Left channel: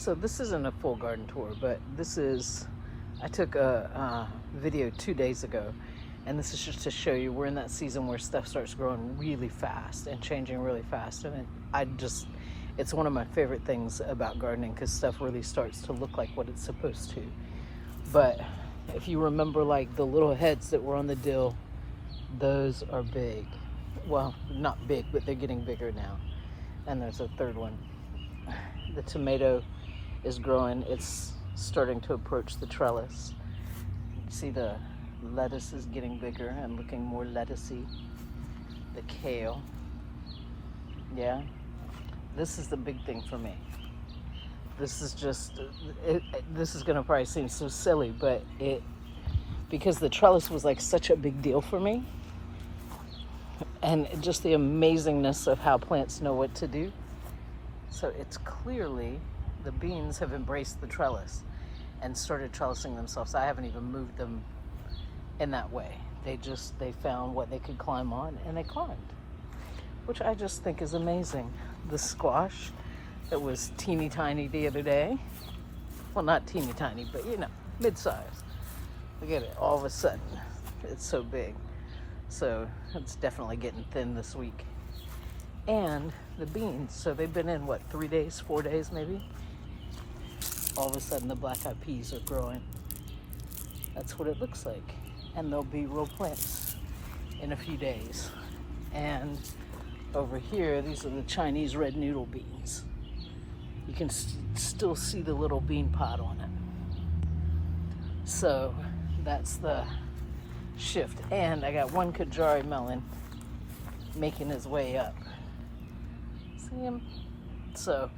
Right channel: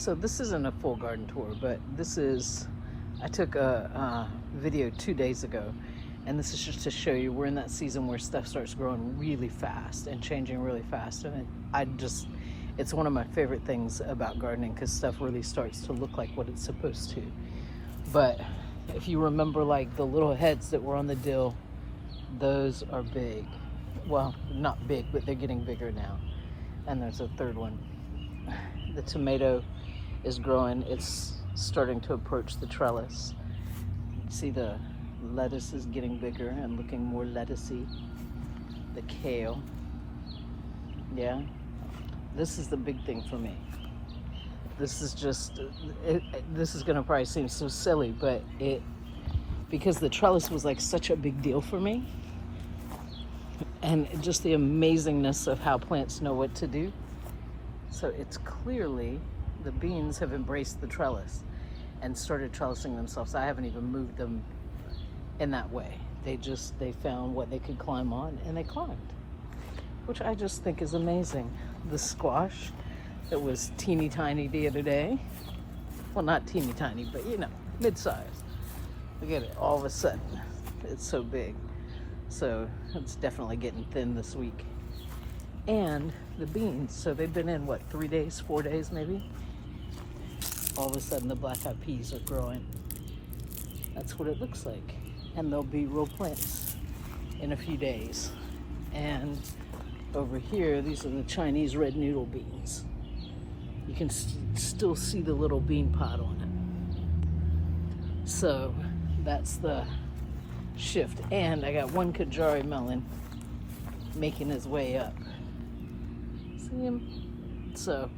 So this isn't a full garden tour, but this is, I took a video 2 days ago, and this is just to show you we're in that season where stuff starts growing really fast and changing really fast. And it's one of my favorite things about gardening, because stuff really starts to look like what it's supposed to. But if you remember, like the little heads that were on the dill, those are big. Well, not big, but they're getting bigger now. And there's a third one. The tomato is growing. It's starting to approach the trellis. See, the lettuce is getting bigger and looking more lettucey. The kale. Yeah. This is the big thing for me. This is just, this is gonna probably seem so silly, but because the trellis was like such a big deal for me, and just the amazingness of how plants know what to do. So it's clearly, the beans have embraced the trellis and started trellising themselves. I haven't even moved them in that way. They found what they could climb on, and they climbed, which I just think is amazing. The squash that was teeny tiny the other day, well, not teeny tiny, but you know, mid-size. Look at it, all of a sudden, it's so big. So it's definitely getting thin this week. And the beans, so they've been in, what, 3 days, 4 days maybe? All of a sudden the black-eyed peas are growing. That's what it looks like. And they'll be real plants in a few days. And over here, these are the Chinese red noodle beans. You can still see the little bean pod on it. So that's the shift. And I got one Kajari melon making his way up. See him? So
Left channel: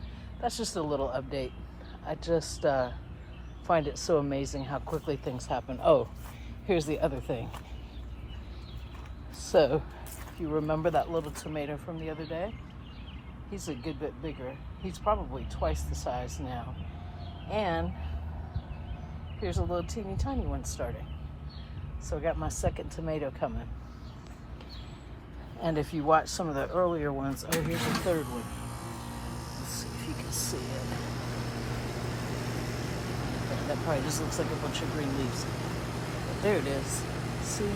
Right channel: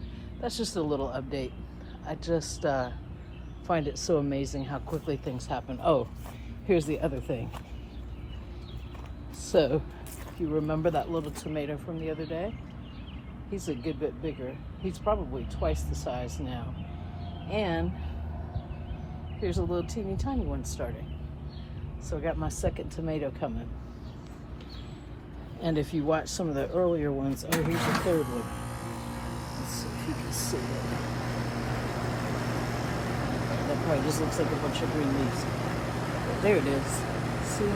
that's just a little update. I just find it so amazing how quickly things happen. Oh, here's the other thing. So if you remember that little tomato from the other day, he's a good bit bigger. He's probably twice the size now. And here's a little teeny tiny one starting. So I got my second tomato coming. And if you watch some of the earlier ones, oh, here's a third one. Let's see if you can see it. That probably just looks like a bunch of green leaves. There it is. See?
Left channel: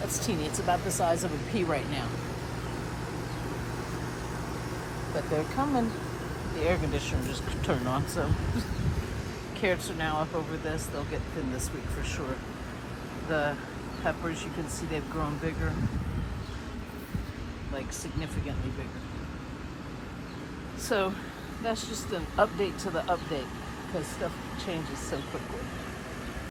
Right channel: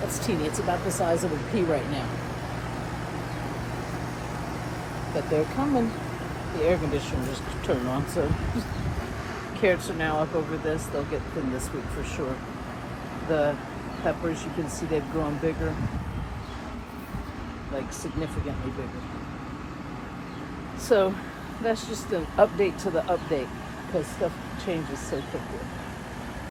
That's teeny. It's about the size of a pea right now. But they're coming. The air conditioner just turned on, so carrots are now up over this. They'll get thin this week for sure. The peppers, you can see they've grown bigger, like significantly bigger. So that's just an update to the update, because stuff changes so quickly.